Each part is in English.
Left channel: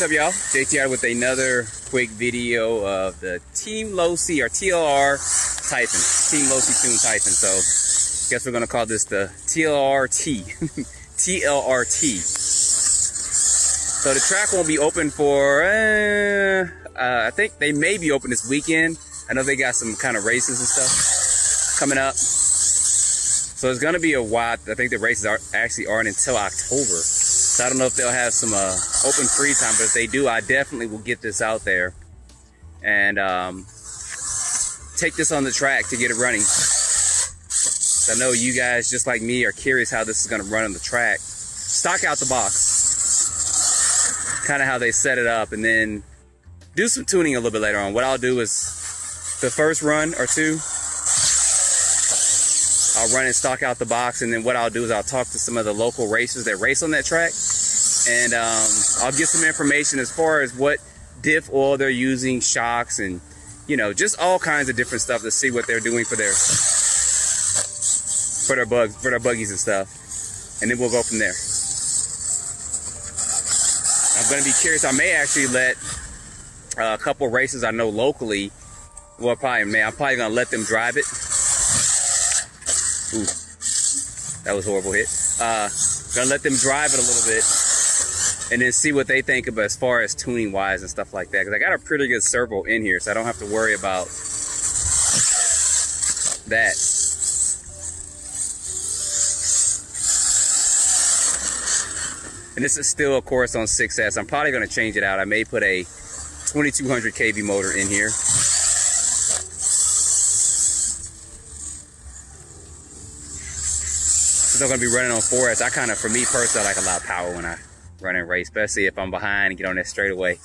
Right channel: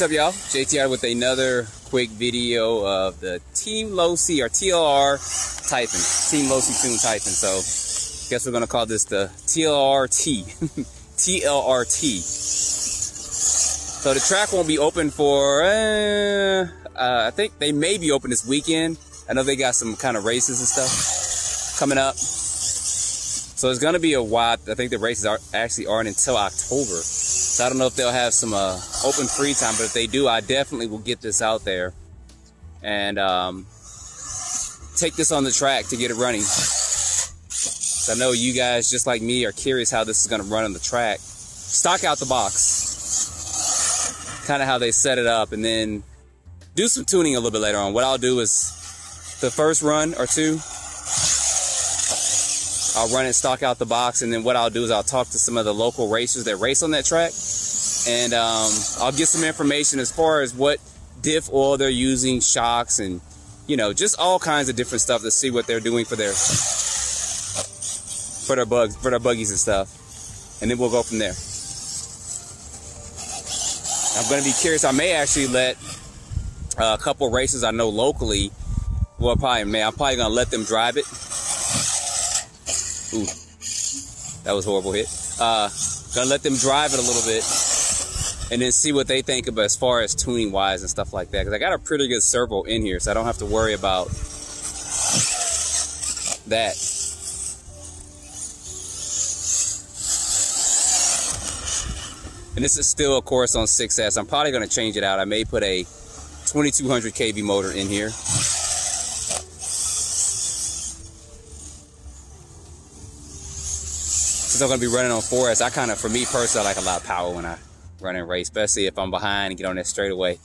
What's up, y'all? JTR with another quick video of the Team Low C or TLR TYPHON. Team Low C Tune TYPHON. So, guess we're gonna call this the TLRT. TLRT. So the track won't be open for, I think they may be open this weekend. I know they got some kind of races and stuff coming up. So it's gonna be a while. I think the races actually aren't until October. So I don't know if they'll have some open free time, but if they do, I definitely will get this out there and take this on the track to get it running. So I know you guys, just like me, are curious how this is gonna run on the track. Stock out the box, kind of how they set it up, and then do some tuning a little bit later on. What I'll do is the first run or two, I'll run and stock out the box, and then what I'll do is I'll talk to some of the local racers that race on that track, and I'll get some information as far as what diff oil they're using, shocks, and you know, just all kinds of different stuff to see what they're doing for their buggies and stuff, and then we'll go from there. I'm going to be curious. I may actually let a couple races I know locally. Well, I'm probably going to let them drive it. Ooh, that was a horrible hit. Gonna let them drive it a little bit and then see what they think about as far as tuning wise and stuff like that. Because I got a pretty good servo in here, so I don't have to worry about that. And this is still, of course, on 6S. I'm probably gonna change it out. I may put a 2200 kV motor in here. I'm going to be running on 4S. I kind of, for me personally, I like a lot of power when I run and race, especially if I'm behind and get on that straightaway.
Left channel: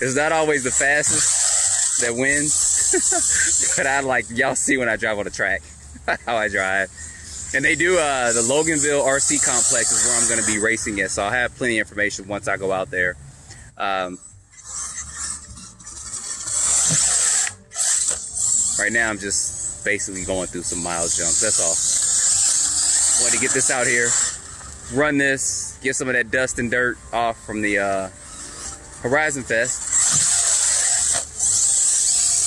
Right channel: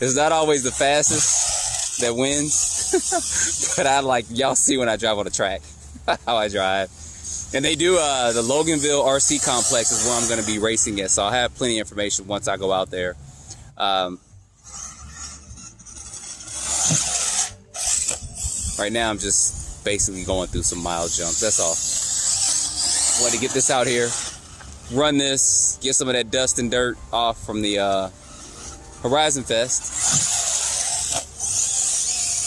It's not always the fastest that wins, but I like, y'all see when I drive on the track, how I drive. And they do, the Loganville RC complex is where I'm going to be racing at, so I'll have plenty of information once I go out there. Right now, I'm just basically going through some miles jumps, that's all. Want to get this out here, run this, get some of that dust and dirt off from the Horizon Fest.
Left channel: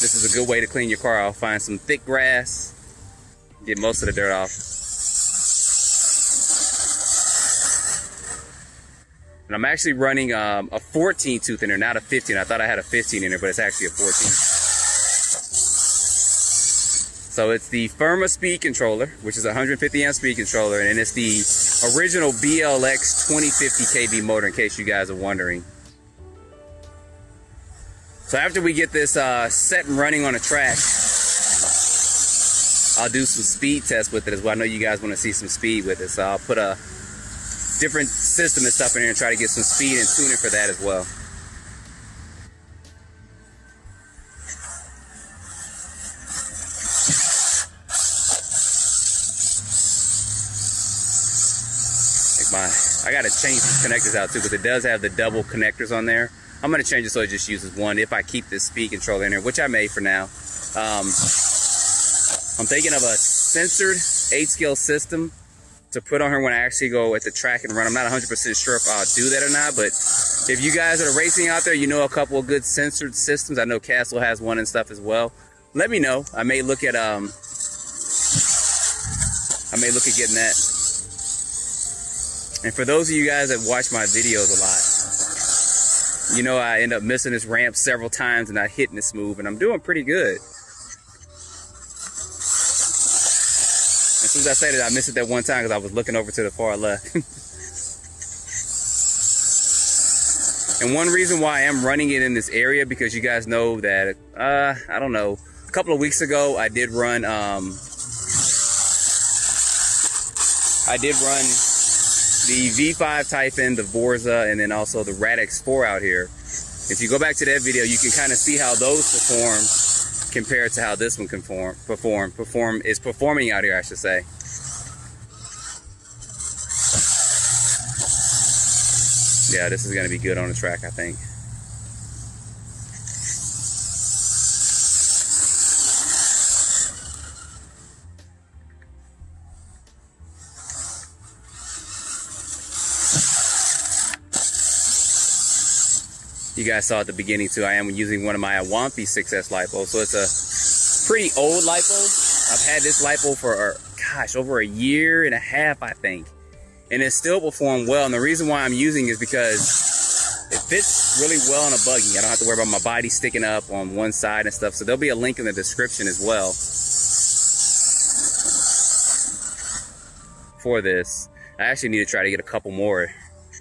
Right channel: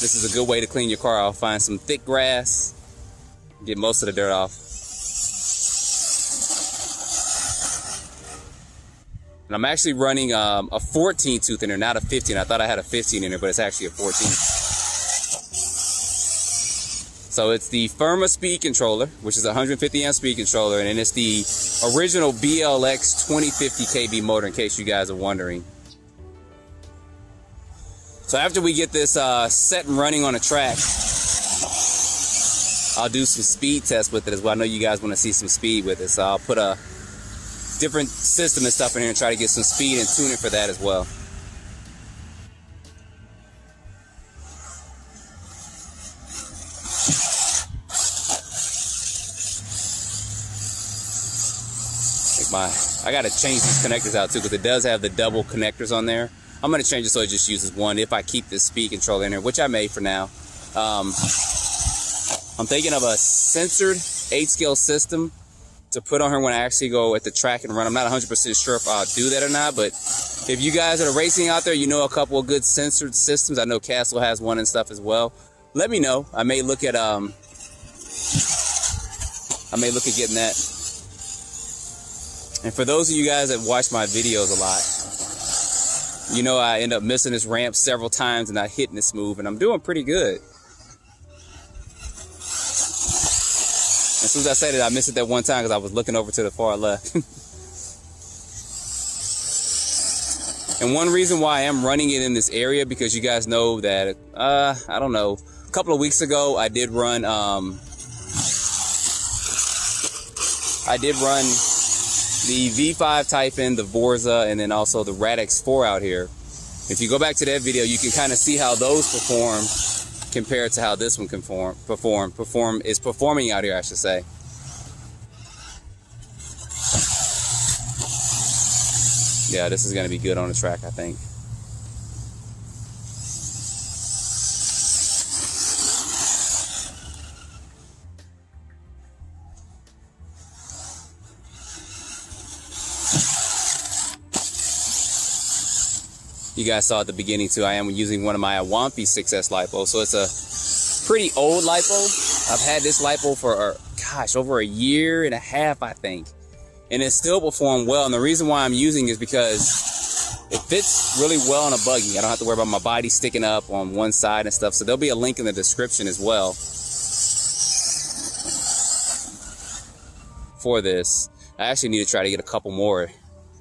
This is a good way to clean your car off. Find some thick grass, get most of the dirt off. And I'm actually running a 14 tooth in there, not a 15. I thought I had a 15 in there, but it's actually a 14. So it's the Firma speed controller, which is a 150 amp speed controller, and it's the original BLX 2050 kV motor, in case you guys are wondering. So after we get this set and running on a track, I'll do some speed tests with it as well. I know you guys want to see some speed with it, so I'll put a different system and stuff in here and try to get some speed and tuning for that as well. I gotta change these connectors out too, because it does have the double connectors on there. I'm gonna change it so it just uses one if I keep this speed controller in there, which I may for now. I'm thinking of a censored 8-scale system to put on here when I actually go at the track and run. I'm not 100% sure if I'll do that or not, but if you guys that are racing out there, you know a couple of good censored systems. I know Castle has one and stuff as well. Let me know. I may look at getting that. And for those of you guys that watch my videos a lot, you know I end up missing this ramp several times and not hitting it smooth, and I'm doing pretty good. As soon as I say that, I missed it that one time because I was looking over to the far left. And one reason why I am running it in this area, because you guys know that, I don't know, a couple of weeks ago I did run the V5 TYPHON, the Vorza, and then also the Radix 4 out here. If you go back to that video, you can kind of see how those perform compared to how this one is performing out here, I should say. Yeah, this is going to be good on the track, I think. You guys saw at the beginning too, I am using one of my Awanfi 6S Lipo. So it's a pretty old Lipo. I've had this Lipo for, gosh, over a year and a half, I think. And it still performed well. And the reason why I'm using it is because it fits really well on a buggy. I don't have to worry about my body sticking up on one side and stuff. So there'll be a link in the description as well for this. I actually need to try to get a couple more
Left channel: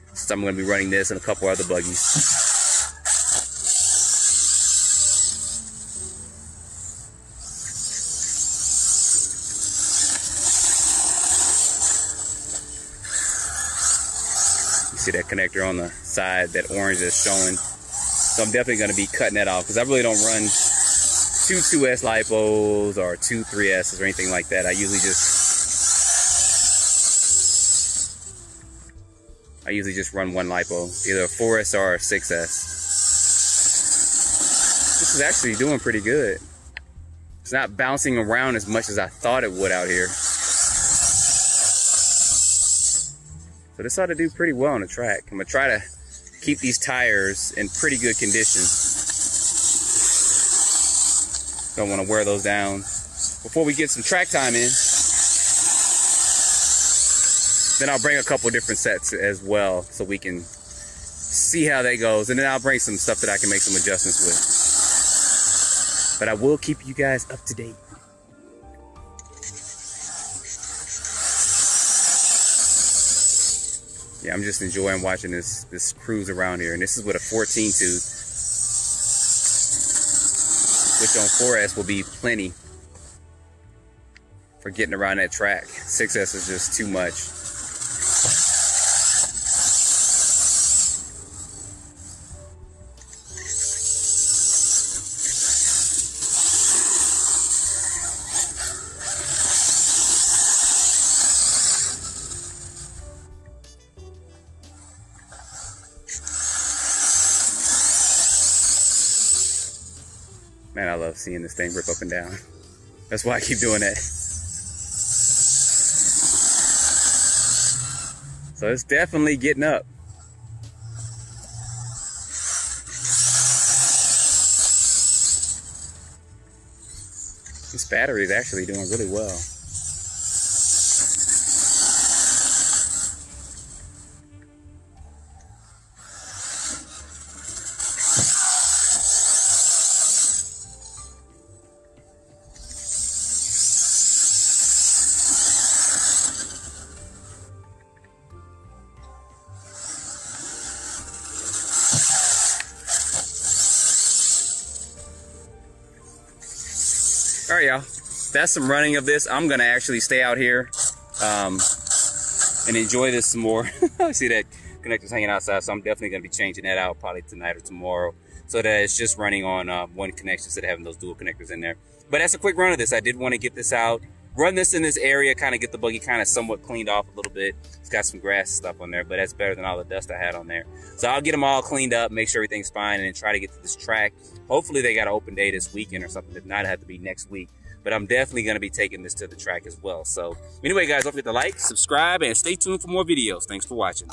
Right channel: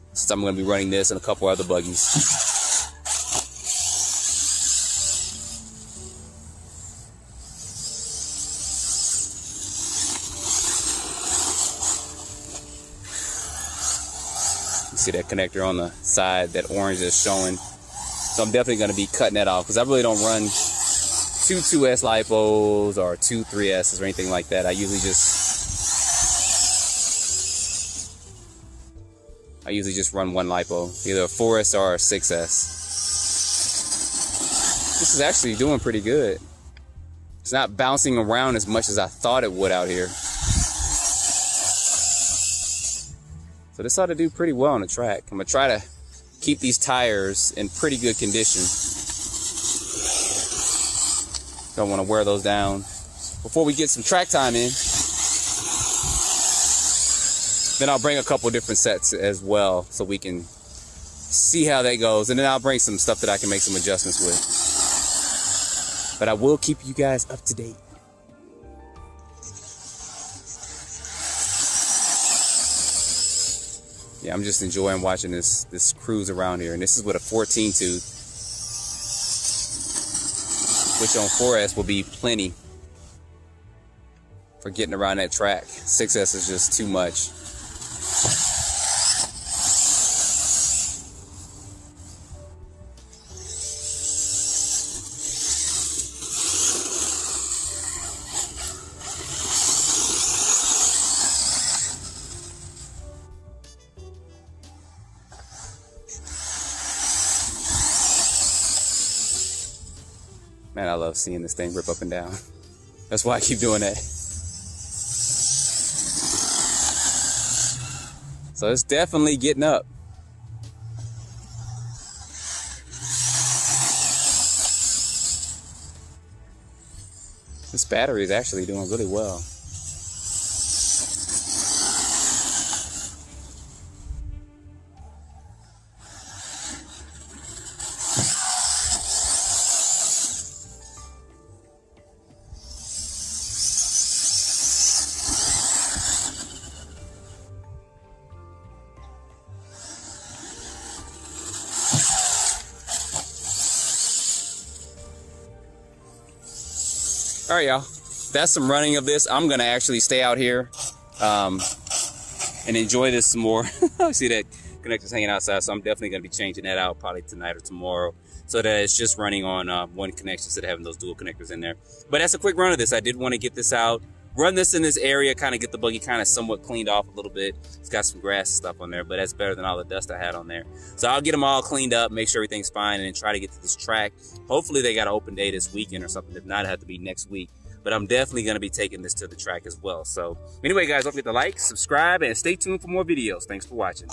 since I'm going to be running this and a couple other buggies. See that connector on the side, that orange is showing. So I'm definitely going to be cutting that off because I really don't run two 2S Lipos or two 3Ss or anything like that. I usually just run one Lipo, either a 4S or a 6S. This is actually doing pretty good. It's not bouncing around as much as I thought it would out here. So this ought to do pretty well on the track. I'm gonna try to keep these tires in pretty good condition. Don't want to wear those down before we get some track time in. Then I'll bring a couple different sets as well so we can see how that goes. And then I'll bring some stuff that I can make some adjustments with. But I will keep you guys up to date. Yeah, I'm just enjoying watching this cruise around here. And this is with a 14 tooth, which on 4S will be plenty for getting around that track. 6S is just too much. Man, I love seeing this thing rip up and down. That's why I keep doing that. So it's definitely getting up. This battery is actually doing really well. All right, y'all, that's some running of this. I'm gonna actually stay out here and enjoy this some more. See that connector's hanging outside, so I'm definitely gonna be changing that out probably tonight or tomorrow so that it's just running on one connection instead of having those dual connectors in there. But that's a quick run of this. I did want to get this out, run this in this area, kind of get the buggy kind of somewhat cleaned off a little bit. It's got some grass and stuff on there, but that's better than all the dust I had on there. So I'll get them all cleaned up, make sure everything's fine, and then try to get to this track. Hopefully they got an open day this weekend or something. If not, it have to be next week. But I'm definitely going to be taking this to the track as well. So anyway, guys, don't forget to like, subscribe, and stay tuned for more videos. Thanks for watching.